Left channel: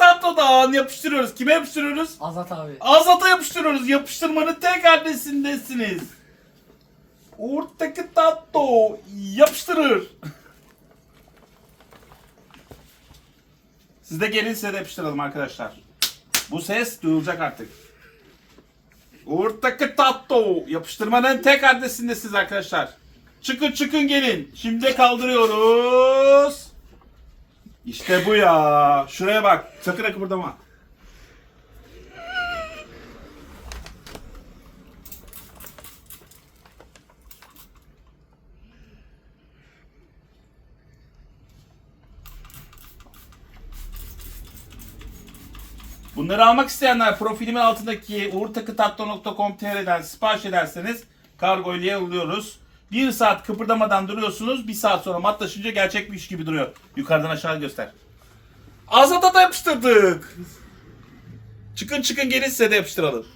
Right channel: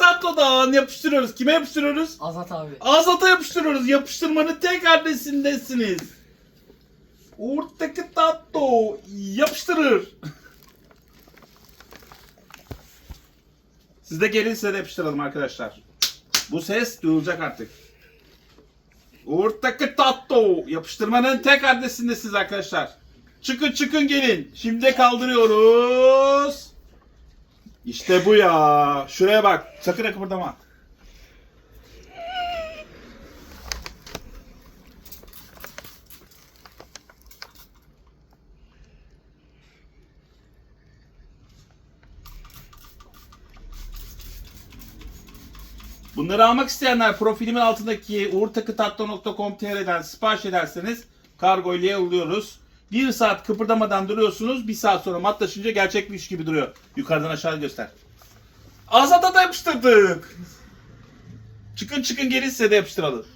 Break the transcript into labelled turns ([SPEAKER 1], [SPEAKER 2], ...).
[SPEAKER 1] tatlıdan yapıştırıyoruz. Kime yapıştırıyoruz?
[SPEAKER 2] Azat abi.
[SPEAKER 1] Azat'a yapıştırıyoruz. Yapıştırmanın tek adresindesiniz. Uğur'daki tatlı yapıştırır. Siz de gelin size de yapıştıralım arkadaşlar. Bu ses duyulacak artık. Uğur'daki tatlı yapıştırmanın tek adresindesiniz arkadaşlar. Çıkın çıkın gelin. Şimdi kaldırıyoruz. İşte bu ya. Şuraya bak. Sakın kıpırdama. Bunları almak isteyenler profilimin altındaki uğurtakıtatlı.com.tr'den sipariş ederseniz kargo ile yolluyoruz. Bir saat kıpırdamadan duruyorsunuz. Bir saat sonra matlaşınca gerçekmiş gibi duruyor. Yukarıdan aşağı göster. Azat'a da yapıştırdık. Çıkın çıkın gelin de yapıştıralım.